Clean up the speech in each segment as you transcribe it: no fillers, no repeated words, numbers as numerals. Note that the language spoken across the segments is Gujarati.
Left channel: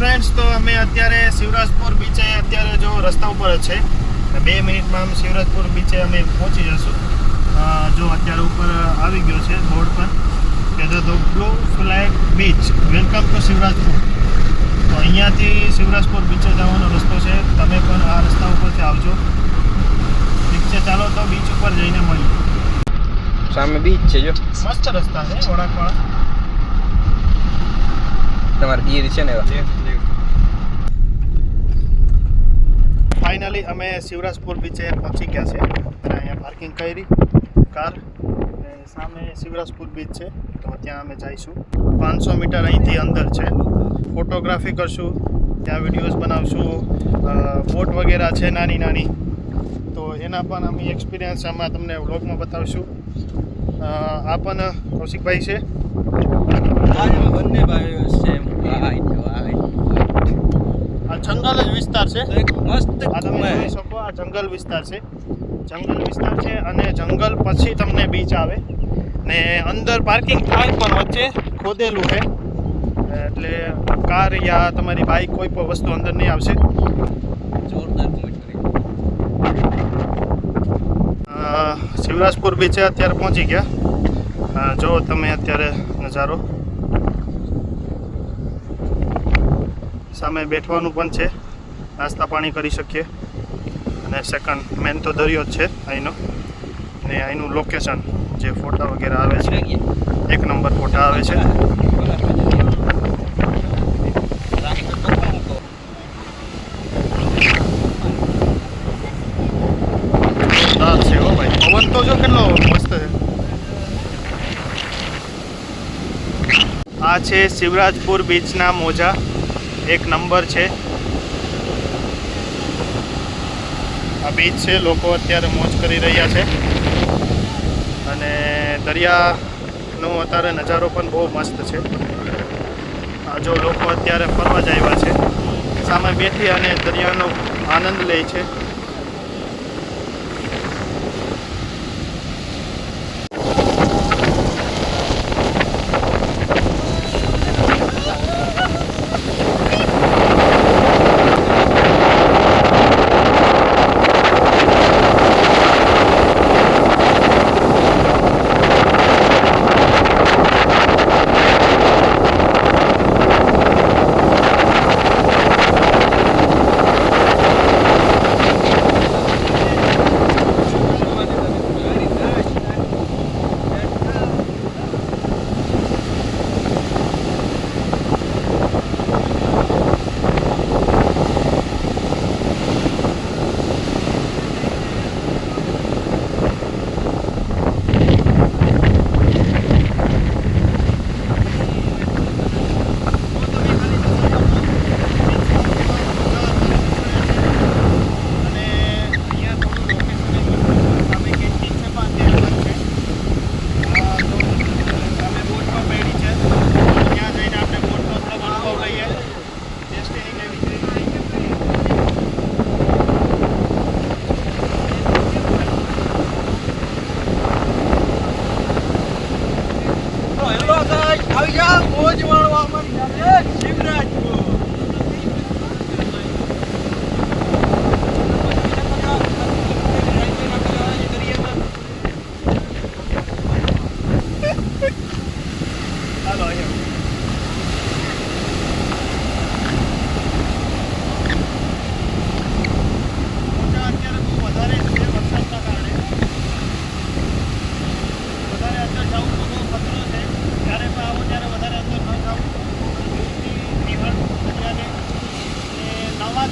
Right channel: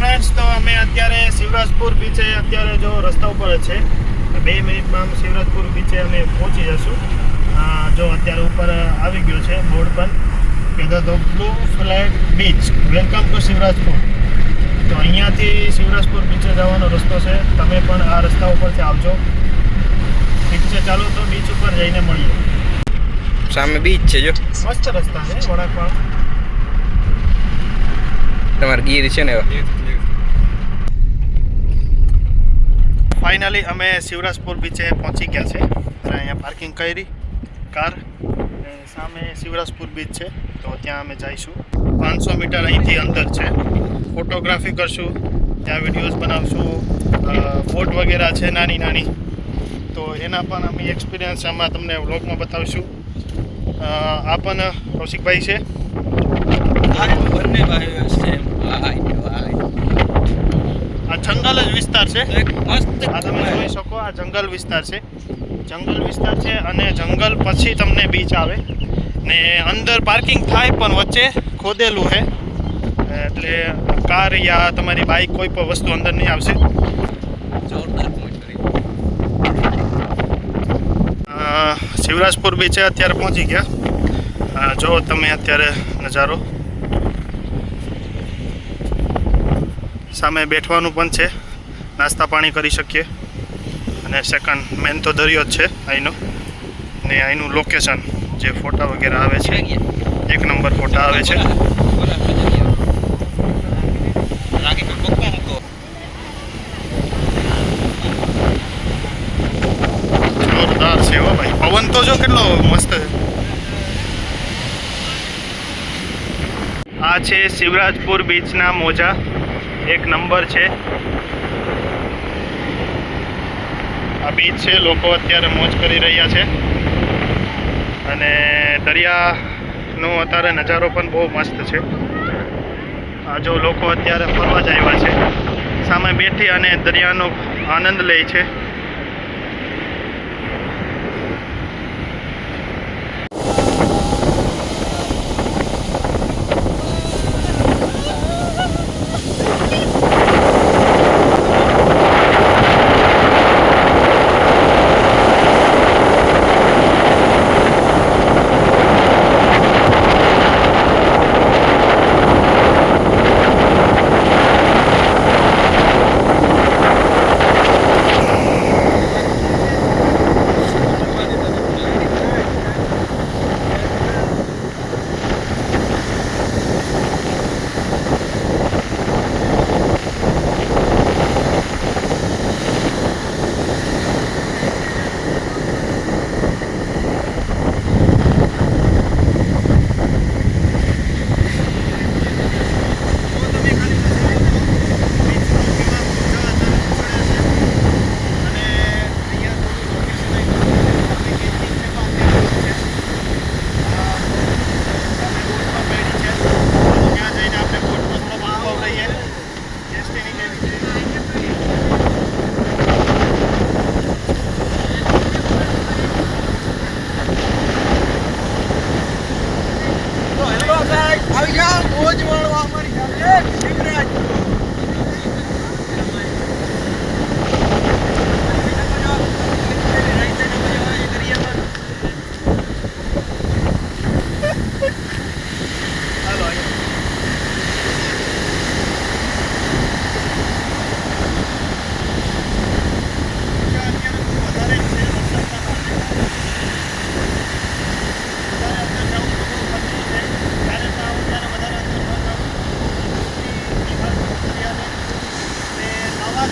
ફ્રેન્ડ્સ, તો અમે અત્યારે શિવરાજપુર બીચે અત્યારે જો રસ્તા ઉપર જ છે. 2 મિનિટમાં અમે શિવરાજપુર બીચે અમે પહોંચી જશું. જો અત્યારે ઉપર આવી ગયું છે બોર્ડ પર કે the blue flag beach welcome to Shivrajpur. તો અહીંયાથી શિવરાજપુર બીચે જવાનો રસ્તો છે. તમે પણ આ રસ્તા ઉપરથી આવજો. ઠીક છે, ચાલો તો બીચ ઉપર જઈને મળીએ. સામે બીચ છે, જો મસ્ત રસ્તા છે વળાંકવાળા. તમારે ગીર છે ને ફાઇનલી અમે શિવરાજપુર બીચે પહોંચી ગયા છે. અહીંયા પાર્કિંગ કરી કાર અને સામે શિવરાજપુર બીચ છે. તો ત્યાં અમે જઈશું. 500 મીટર અહીંથી અંદર છે. ફોટોગ્રાફી કરશું, ત્યાં વિડીયોઝ બનાવશું. બોટ વગેરે છે નાની નાની, તો એના પણ અમે એક્સપિરિયન્સ આમાં તમને વ્લોગમાં બતાવશું. આ પણ કૌશિકભાઈ છે. આ જંગલ જ વિસ્તાર છે. આ તમે જોઈ શકો, આ જંગલ વિસ્તાર છે. જંગલ વિસ્તાર છે અને જંગલ પછી તમને બીચ આવે ને અંદર પાર્કિંગ થાય પણ વચ્ચે ખોદેલું છે, એટલે કાર યા તમારી બાઇક કોઈ પણ વસ્તુ અંદર નહીં આવશે. શિવરાજપુર બીચે અત્યારે પહોંચી ગયા. જો તમે અત્યારે નજારો, સામે બેઠવાનું પણ છે, નાસ્તા પાણી કરી શકીએ. અને સેકન્ડ મેન તો દરિયો જ છે અહીંનો. ને અહીંનું લોકેશન જે ફોટા વગેરે આવે છે, 1 નંબર ફોટા આવે છે. જોરદાર છે હો ભાઈ. પવન તો જો કેટલો મસ્ત છે. આ છે શિવરાજપુર બીચના મોજા. 1 નંબર છે આ બીચ છે. લોકો અત્યારે મોજ કરી રહ્યા છે અને દરિયાનો અત્યારે નજારો પણ બહુ મસ્ત છે. આ જો લોકો અત્યારે ફરવા જ આવ્યા છે, સામે બેઠી અને દરિયાનો આનંદ લે છે.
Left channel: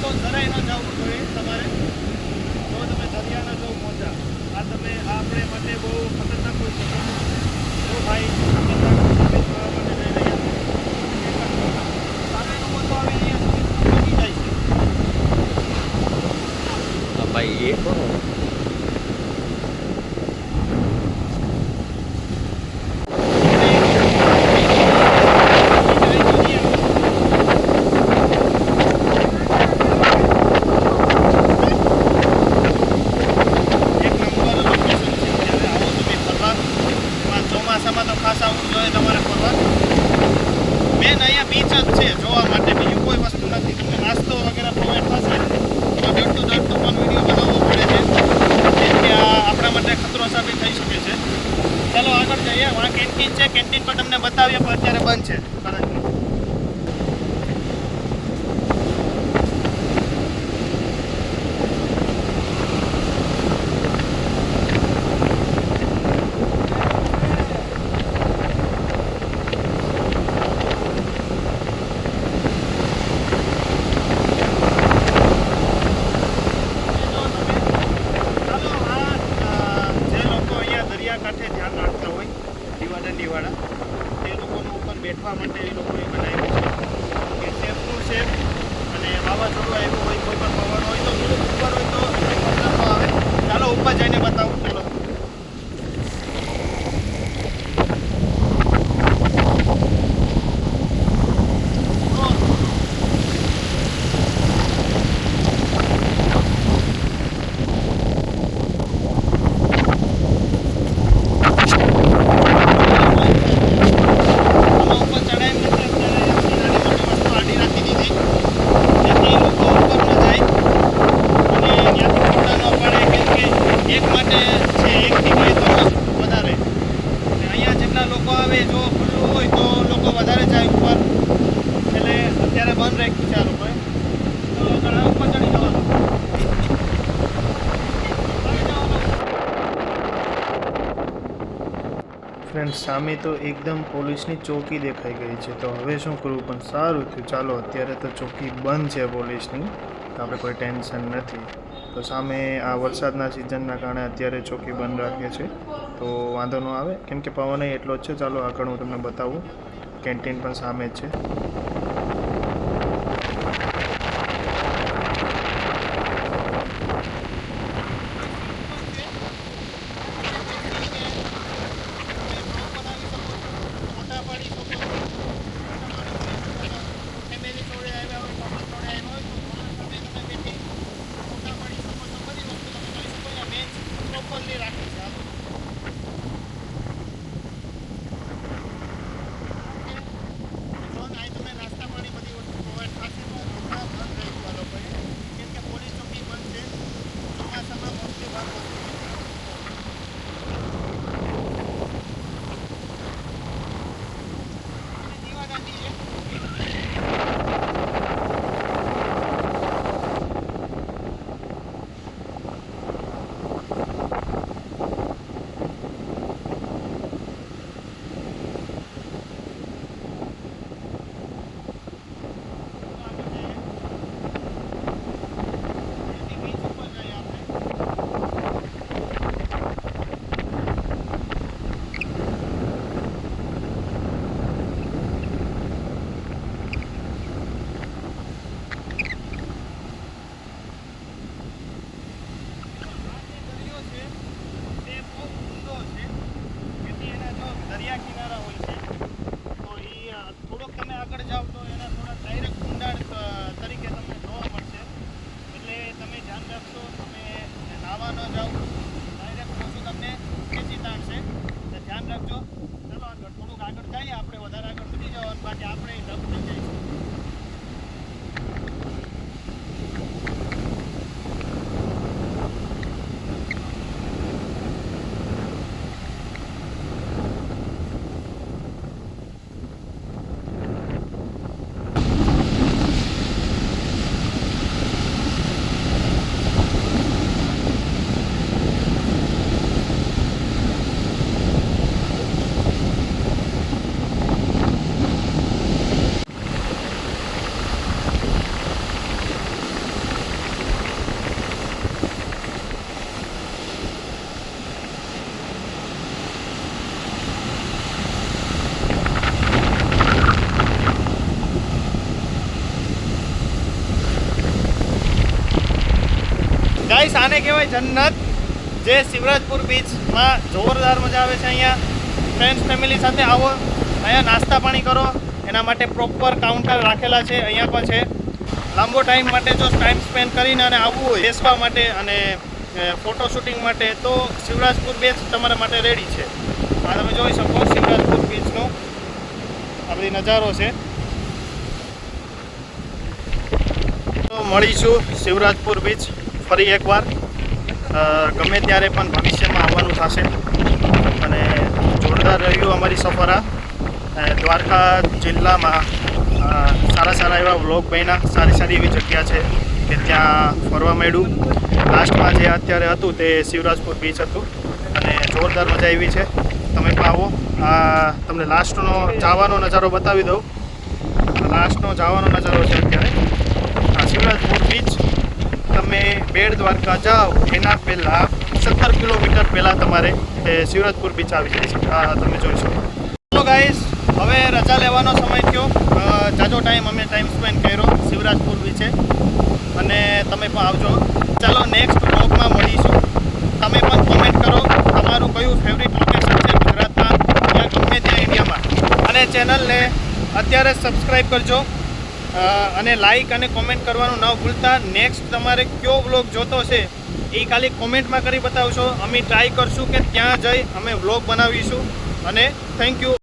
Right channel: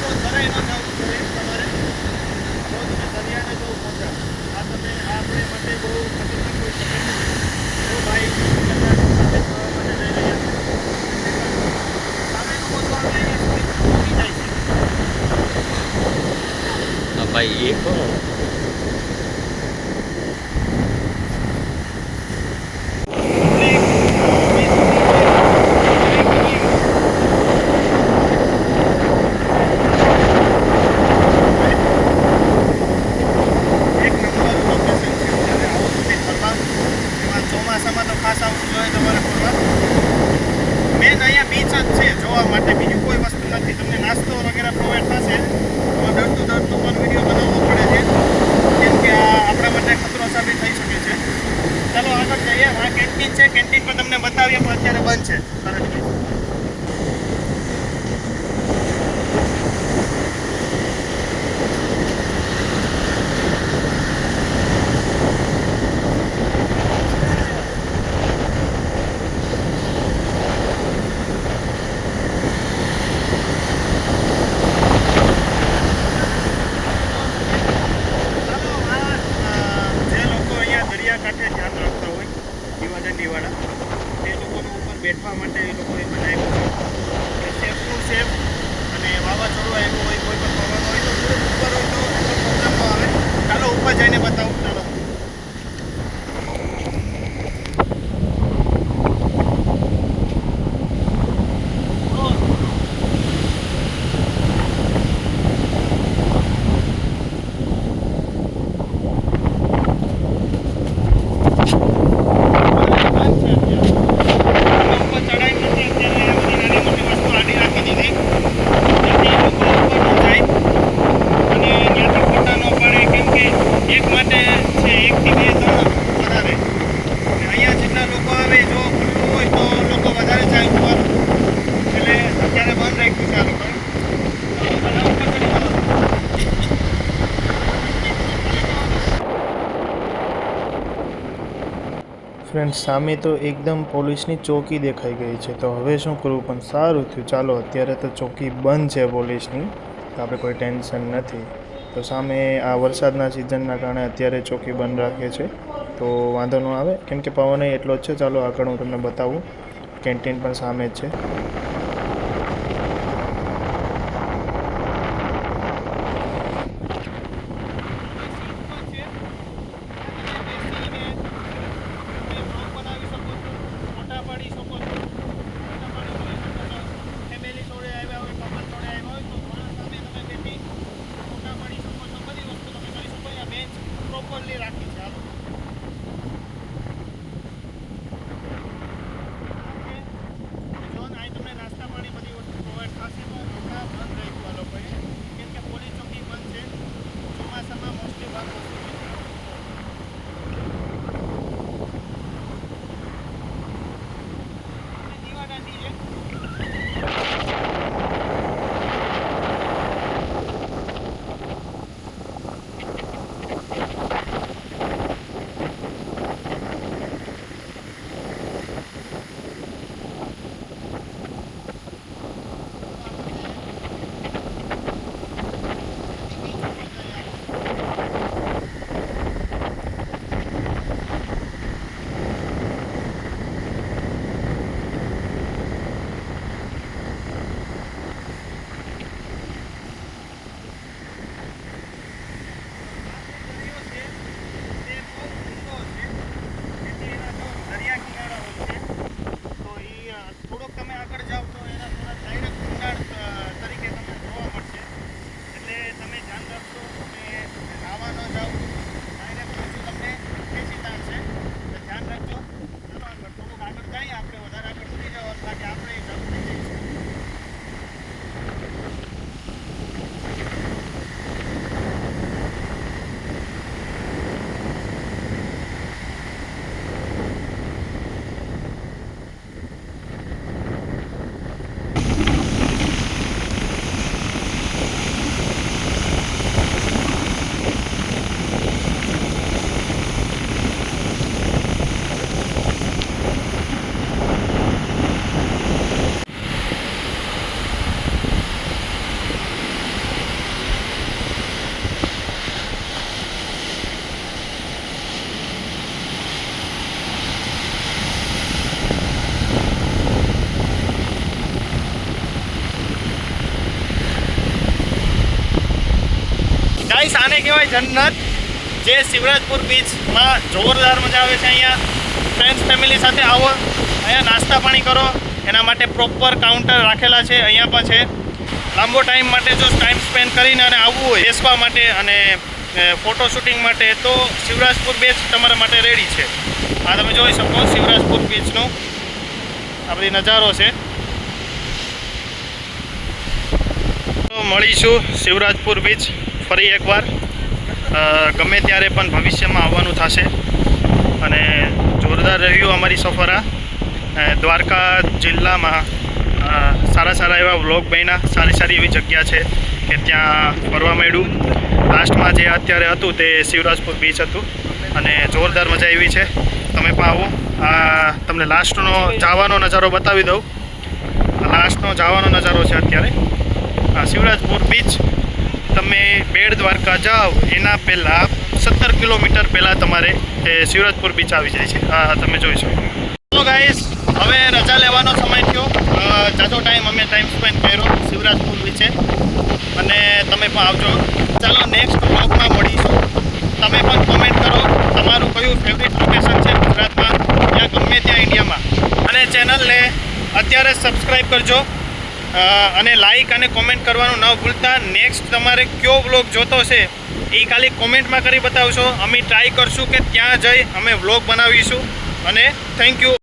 તો જરાય ન જવું જોઈએ તમારે. જો તમે દરિયાને જો મોજા, આ તમે આપણે માટે બહુ ખતરનાક હોઈ શકે. જો ભાઈ ભાઈ એ કોણ ચોમાસામાં તો ખાસ આવવું જોઈએ તમારે ફરવા. 2 મેન અહીંયા બીચ જ છે જોવા માટે, બીજું કોઈ વસ્તુ નથી. તમને નાસ્તો વગેરે પ્રોવાઈડ થશે તો ડરતું પણ વિડીયો બનાવવો પડે છે, કેમ કે આ આપણા માટે ખતરો સાબિત થઈ શકે છે. ચાલો આગળ જઈએ. આ કેન્ટીન છે, કેન્ટીન પર તમને બતાવીએ, પણ અત્યારે બંધ છે. સરસ. કાંઠે ધ્યાન રાખતા હોય દીવાદાંડીવાળા, તે લોકોનું ઉપર બેઠવા માટે એ લોકોએ બનાવ્યું છે કે સેફનું સેફ, અને વાવાઝોડું આવ્યું હોય, કોઈ પણ પવન હોય તો થોડુંક ઉપર હોય તો એટલો પ્રોબ્લેમ ન આવે. ચાલો ઉપર જઈને બતાવું. ચાલો. ફ્રેન્ડ્સ, સામે તો એકદમ પોલીસની ચોકી દેખાઈ ગઈ છે. તો હવે શું કરવું, પણ સારું થયું. ચાલો, અત્યારે તો ચોકી બંધ છે પોલીસની, તો આપણે કોઈ ટેન્શન નથી. તો સામે આ વરસાદના સિઝનના કારણે અત્યારે ચોકી બંધ રાખે છે, તો વાંધો ન આવે, કેમ કે પવન એટલો જ છે. ચાલો આગળ હું તમને બતાવું. કેન્ટીન પણ સામે જ છે. ગાઈસ, આને કહેવાય જન્નત, જે શિવરાજપુર બીચમાં જોરદાર મજા આવે છે. અહીંયા ફ્રેન્ડ્સ ફેમિલી સાથે આવો, અહીંયા નાસ્તા પાણી કરો, એના માટે પ્રોપર કાઉન્ટર રાખેલા છે. અહીંયા પણ છે. લાંબો ટાઈમ માટે જો ટાઈમ સ્પેન્ડ કરીને અને આવવું હોય બેસવા માટે અને ફોટો શૂટિંગ માટે, તો શિવરાજપુર બીચ તમારા માટે રેડી છે. આ તમે જોઈ શકો શિવરાજપુર બીચનો આ બધી નજારો છે. તો મળીશું શિવરાજપુર બીચ ફરી એકવાર. ગમે ત્યારે પણ ભવિષ્યમાં આવવાનું થશે અને જોરદાર રહ્યું અમારી સફર આ. દ્વારકા જિલ્લામાં સારા એવા વ્લોગ બન્યા. સારી એવી જગ્યા છે કે ત્યાં ફરવા મળ્યું. લાસ્ટમાં જે અત્યારે હતું તે શિવરાજપુર બીચ હતું અને જોરદાર મજા આવી છે. તમે પણ આવો. તમને લાસ્ટનો જવાનો નજારો બતાવી દઉં. લાસ્ટનો જવાનો નજારો છે અત્યારે શિવરાજપુર બીચ. તમે બેટ દ્વારકા જાઓ એના પહેલાં 17 કિલોમીટર પહેલાં તમારે શિવરાજપુર બીચ આવી જાય છે. તમે જોઈ શકો. ચલો ગાઈસ, હવે રજા લેવાનો સમય થયો. જાજો ટાઈમ સ્પેન્ડ કર્યો શિવરાજપુર બીચે અને તમે પણ આવજો. ચાલો નેક્સ્ટ બ્લોગમાં મળીશું. તમે પણ કોમેન્ટ કરો તમારું કયું ફેવરિટ લોકેશન છે ગુજરાતમાં યા ગમે ત્યાં ઇન્ડિયામાં. અને ચેનલને અત્યારે સબસ્ક્રાઈબ કરજો અને લાઈક અને કોમેન્ટ કરવાનું ન ભૂલતા. નેક્સ્ટ તમારે કયો વ્લોગ જોતો છે એ ખાલી કોમેન્ટમાં કરી બતાવશો. અમે ટ્રાય કરશું કે ત્યાં જઈ અમે વ્લોગ બનાવીશું. અને થેન્ક યુ.